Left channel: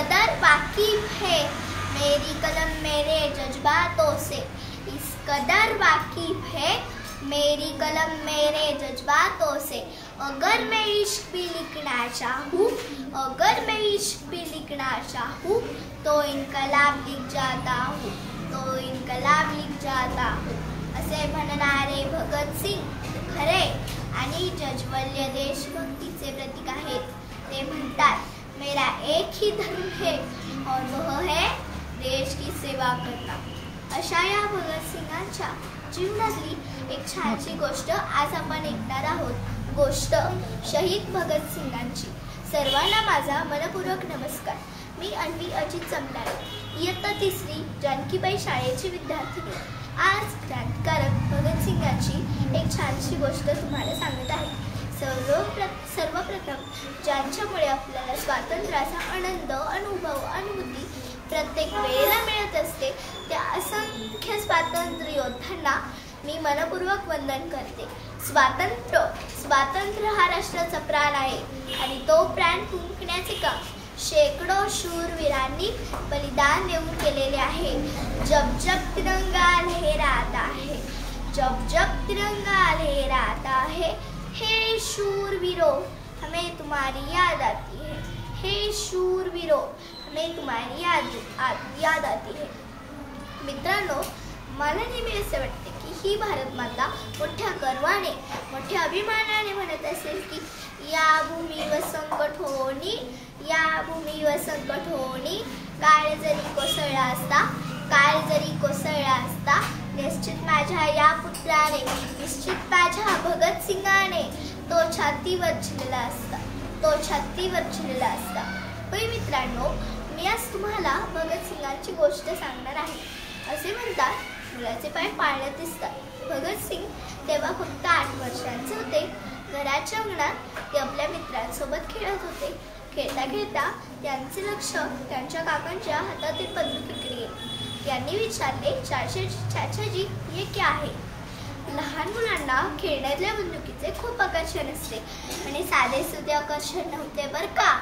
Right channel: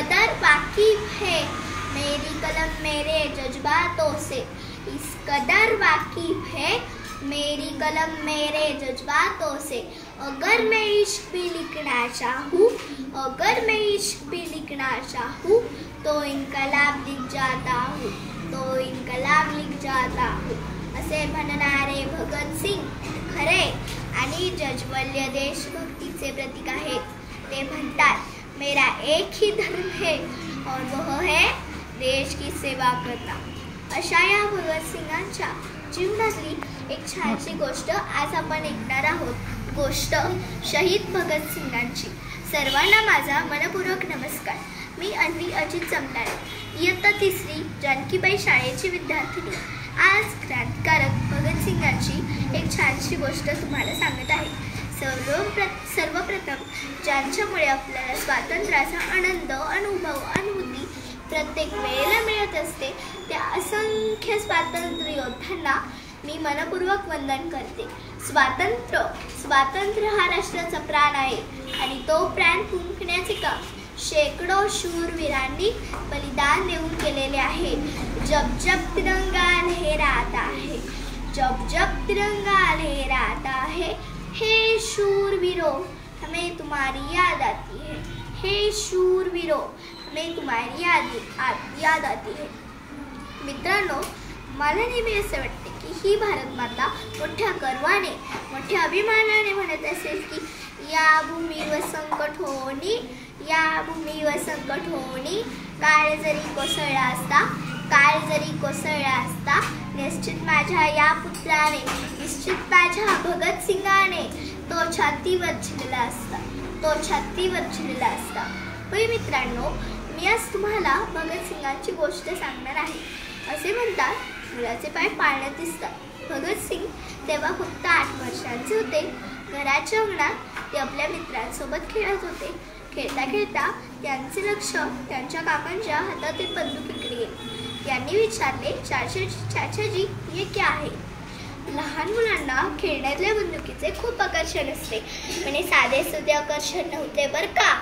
कदर वाकिफ है मेरी कलम मेरे जज्बातों से। इस कदर वाकिफ है मेरी कलम मेरे जज्बातों से। अगर मैं इश्क भी लिखना चाहूँ, अगर मैं इश्क भी लिखना चाहूँ तो इनकलाब लिख जाता हूँ, तो इनकलाब लिख जाता हूँ असे म्हणणारे भगतसिंग खरे आणि जज्वल्य देशभक्तीचे प्रतीक आहेत। ते म्हणतात मेरा एक ही धर्म है और वह है देश की सेवा करना। अशा या भगतसिंगांच्या जीवनातली एक छानशी गोष्ट आज आपण ऐकणार आहोत। गोष्ट शहीद भगतसिंगांची। सर्वांना माझा मनपूर्वक नमस्कार। मी अन्वी अजित जमदारे, इयत्ता 3री जानकीबाई शाळेची विद्यार्थिनी। आज क्रांतिकारक भगतसिंगांची एक छानशी गोष्ट तुम्हाला सांगत आहे। सर्वप्रथम ज्यांच्यामुळे आपल्याला स्वातंत्र्याचा आनंद, अनुभव, अनुभूती प्रत्येक वेळेला मिळत असते त्या असंख्य स्वातंत्र्य योद्ध्यांना मी मनपूर्वक वंदन करते। स्वातंत्र्य हा राष्ट्राचा प्राण आहे आणि तो प्राण फुंकण्याचे काम शेकडो शूरवीरांनी बलिदान देऊन केलेले आहे। जब जब तिरंगा लहराता है, जब जब तिरंगा लहराता है, हे शूरवीरों हमें तुम्हारी याद आती है, हे शूरवीरों हमें तुम्हारी याद आती है। मित्रांनो, मला नेहमी असं वाटते की ही भारत माता मोठ्या गर्वाने, मोठ्या अभिमानाने म्हणत असेल की या भूमीवर संकट होणी, या भूमीवर संकट होणी, काळ जरी कोसळला असता, काळ जरी कोसळला असता, निश्चित माझ्या या पुत्राने, निश्चित माझ्या भगतसिंगाने तो छातीवर झिलला असता, तो छातीवर झिलला असता। होय मित्रांनो, मी आज तुम्हाला भगतसिंगांची गोष्ट सांगणार आहे। असे म्हणतात मुलाचे पाय पाळण्यात दिसतात। भगतसिंग तेव्हा फक्त 8 वर्षांचे होते। घराच्या अंगणात ते आपल्या मित्रांसोबत खेळत होते। खेळता खेळता त्यांचे लक्ष त्यांच्या काकांच्या हातातील बंदुकीकडे गेले। यांनी विचारले, चाचाजी ये क्या है? लहान मुलांना खेळण्यातल्या बंदुकीचे खूप आकर्षण असते, पण साधे सुधे आकर्षण नव्हते बर का,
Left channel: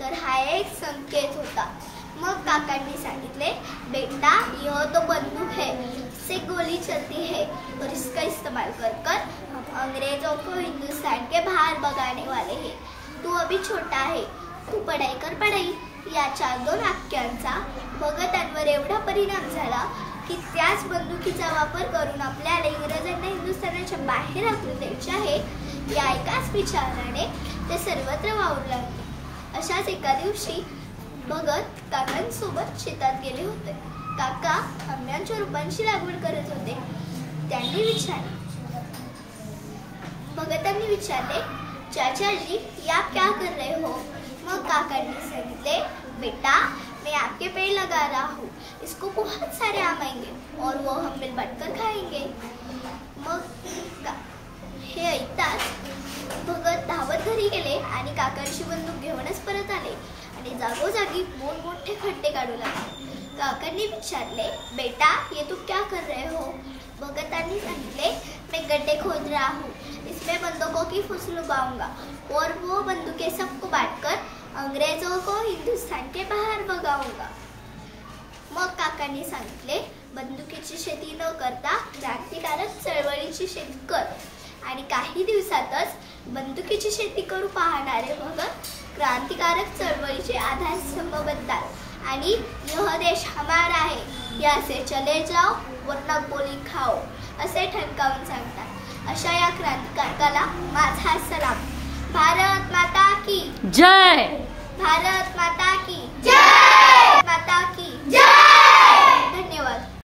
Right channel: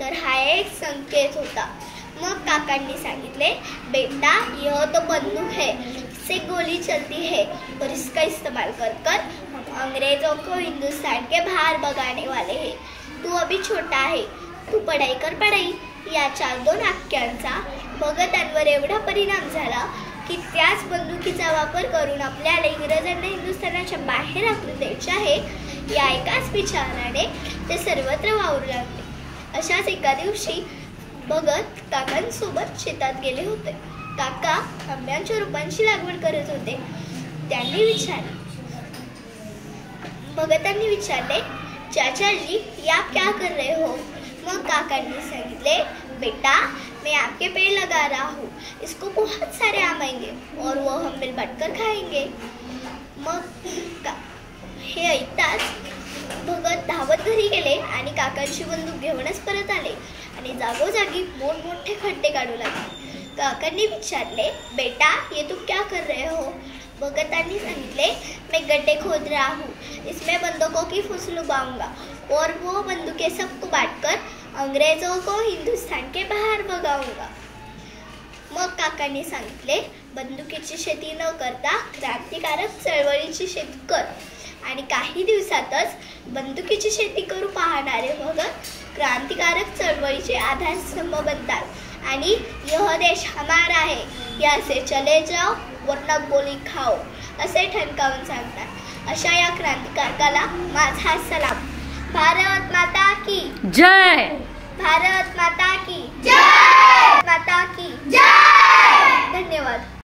तर हा एक संकेत होता। मग काकांनी सांगितले, बेटा यह तो बंदूक है, इससे गोली चलती है और इसका इस्तेमाल कर कर हम अंग्रेजों को हिंदुस्तान के बाहर भगाने वाले हैं। तू अभी छोटा है, तू पढ़ाई कर पढ़ाई। याच्या 2 वाक्यांचा भगतांवर एवढा परिणाम झाला की त्याच बंदुकीचा वापर करून आपल्याला इंग्रजांना हिंदुस्थानाच्या बाहेर हाकलून द्यायचे आहे या एकाच विचाराने ते सर्वत्र वावरू लागले। अशाच एका दिवशी भगत काकांसोबत शेतात गेले होते। काका आंब्याच्या रोपांची लागवड करत होते। भगतांनी विचारले, चाचाजी ये आप क्या कर रहे हो? मग काकांनी सांगितले, बेटा मैं आपके पेड़ लगा रहा हूँ, इसको बहुत सारे आम आएंगे और वो हम मिल बांट कर खाएंगे। मग हे ऐकताच भगत धावत घरी गेले आणि काकांची बंदूक घेऊनच परत आले आणि जागोजागी मोठमोठे खड्डे काढू लागले। काकांनी विचारले, बेटा ये तुम क्या कर रहे हो? भगतांनी सांगितले, मैं गड्ढे खोद रहा हूँ, इसमें बंदूकों की फुसलू बाऊंगा और वो बंदूकें सबको बांटकर अंग्रेजों को हिंदुस्तान के बाहर भगाऊंगा। मग काकांनी सांगितले, बंदुकीची शेती न करता क्रांतिकारक चळवळीची शेती कर। आणि काही दिवसातच बंदुकीची शेती करू पाहणारे भगत क्रांतिकारक चळवळीचे आधारस्तंभ बनतात आणि यह देश हमारा है, यहाँ से चले जाओ वरना गोली खाओ असे ठणकावून सांगतात। अशा या क्रांतिकारकाला माझा सलाम। भारत माता की जय, भारत माता की जय, माता की जय।